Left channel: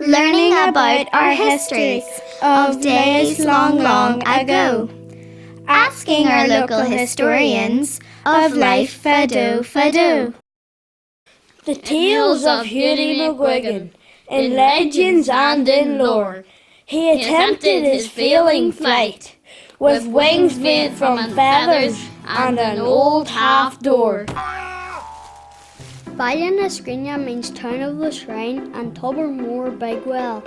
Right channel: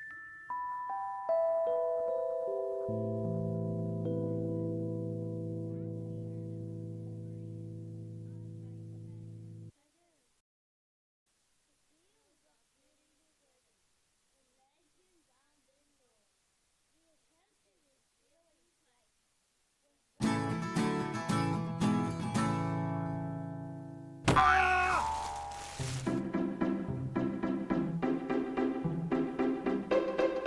learning about our histories of days long, long ago, asking our local historians of life fado. The tales of Hughie McGuigan, in legends and in lore, he attempted his failing flight, with wings made from feathers and an old half-door. Ballinascrinia means town of the shrine and Tobermore Bigwell.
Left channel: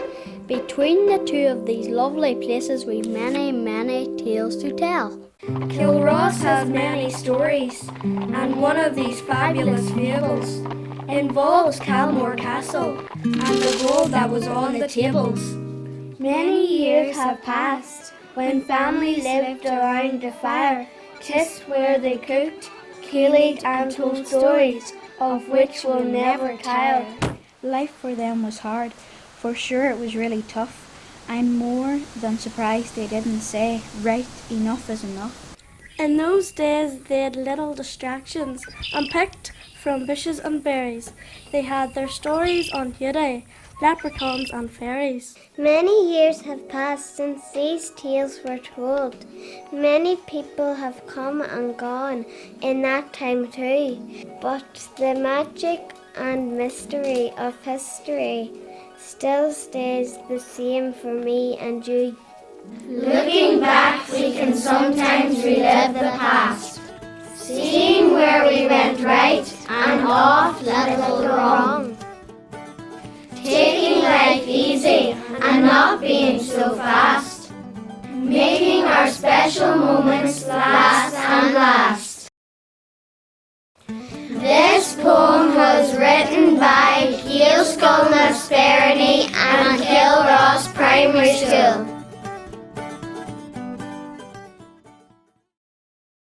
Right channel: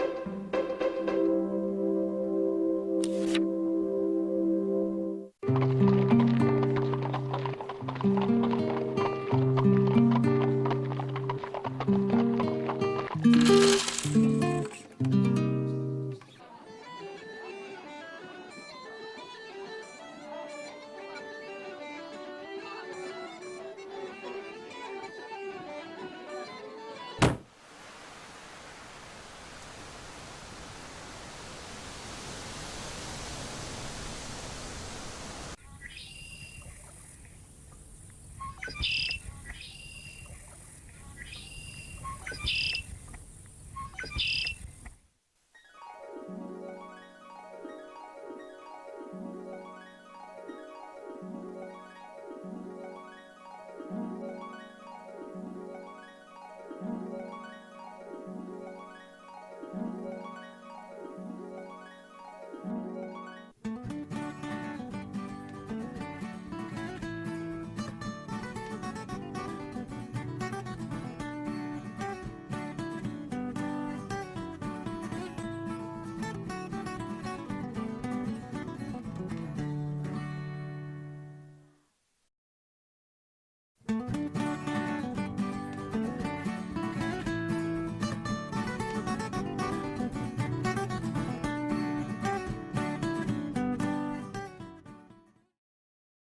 Between the two of these lovely places we've many, many tales to tell. Kilross has many stories, and one of these fabulous fables involves Calmore Castle and the gold that was on the tables. Many years have passed when families lived around the fire. 'Tis where they cooked, keeled and told stories of which will never tire. Life for them was hard, for sure it was really tough. I'm more than surprised they didn't say, right, enough is enough. In those days they had little distractions and picked from bushes and berries. They had their stories on Hughie, leprechauns and fairies. Many years have passed since these tales were told. Many people have come and gone in that time too, but the magic and mystery of history still stays the same for me and you. Looking back, we can sometimes relive the past, seeing where we went right and oft little wrong, taking life easy and not being so fast, making our special moments last and last.